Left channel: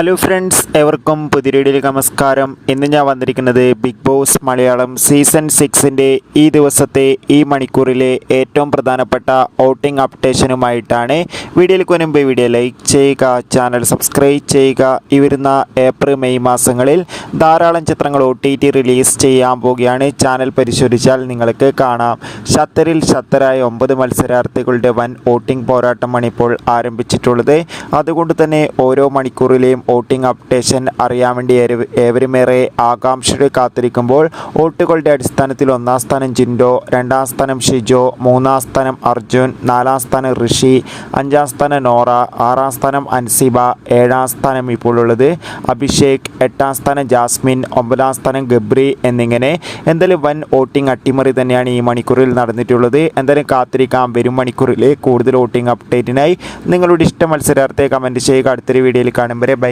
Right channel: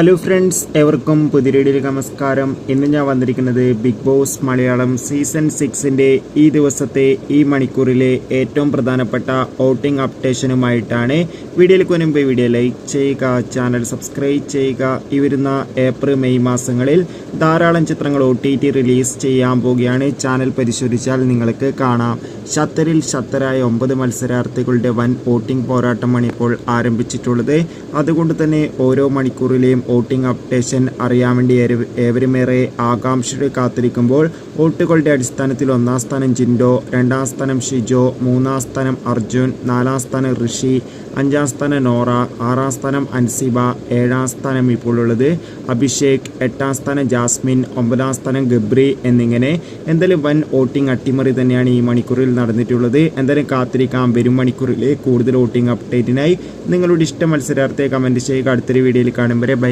Hello friends, എവർക്കും പുതിയ വീഡിയോയിലേക്ക് നമസ്കാരം. ഇന്ന് ഞാൻ വന്നിരിക്കുന്നത് ബിഗ് ബോസ് മലയാളം സീസൺ 6ൻ്റെ ഈ ദിവസത്തെ ഈ മണിക്കൂറിലെ ഏറ്റവും പ്രധാനപ്പെട്ട വോട്ടിംഗ് അപ്ഡേഷനുമായിട്ടാണ്. വീഡിയോയിലേക്ക് മുൻപ് വീഡിയോ ലൈക്ക് ചെയ്യുക, ചാനൽ സബ്സ്ക്രൈബ് ചെയ്യുക. ഈ വരുന്ന ഏപ്രിൽ മെയ് മാസങ്ങളിൽ ധാരാളം ചിത്രങ്ങൾ OTT റിലീസ് ചെയ്യാൻ പോവുകയാണ്. ചാനൽ പരിശോധിച്ചാൽ നിങ്ങൾക്ക് കാണാം. ഷത്തറിൽ ഷത്തറായ 9 മത്സരാർത്ഥികളുടെ വൻ വോട്ടിംഗ് പോരാട്ടമാണ് ഇപ്പോൾ ആരംഭിച്ചിട്ടുള്ളത്. അതുകൊണ്ട് തന്നെ ഓരോ മണിക്കൂറിലെയും വോട്ടിംഗ് അപ്ഡേഷൻ അറിയാൻ വേണ്ടി ഏവരുമേറെ ആകാംക്ഷയോടെ കാത്തിരിക്കുമ്പോൾ വോട്ടുകളുടെ അടിസ്ഥാനത്തിൽ 1ാം സ്ഥാനം ജിൻഡോ, 2ാം സ്ഥാനം ഷിജോ, 3ാം സ്ഥാനം അർജുൻ, 4ാം സ്ഥാനം ഋഷി, 5ാം സ്ഥാനം നോറ, 6ാം സ്ഥാനം അൻസിബ, 7ാം സ്ഥാനം ഇപ്പോൾ ഉള്ളത് അഭിഷേക്, 8ാം സ്ഥാനം ജാസ്മിൻ, 9ാം സ്ഥാനം ഗബ്രി എന്നിങ്ങനെ എന്തായാലും വൻ വോട്ടിംഗ് അട്ടിമറി തന്നെയാണ് ഈ മണിക്കൂറിൽ നടന്നിട്ടുള്ളത്. എന്തായാലും കാത്തിരിക്കാം വരും മണിക്കൂറിലെ കൂടുതൽ വോട്ടിംഗ് അപ്ഡേറ്റിനായി. നിങ്ങളുടെ ഇഷ്ട മത്സരാർത്ഥിയെ കമൻറ്റ് ചെയ്യുക. അടുത്തൊരു വീഡിയോയിൽ കാണും വരെ ബൈ.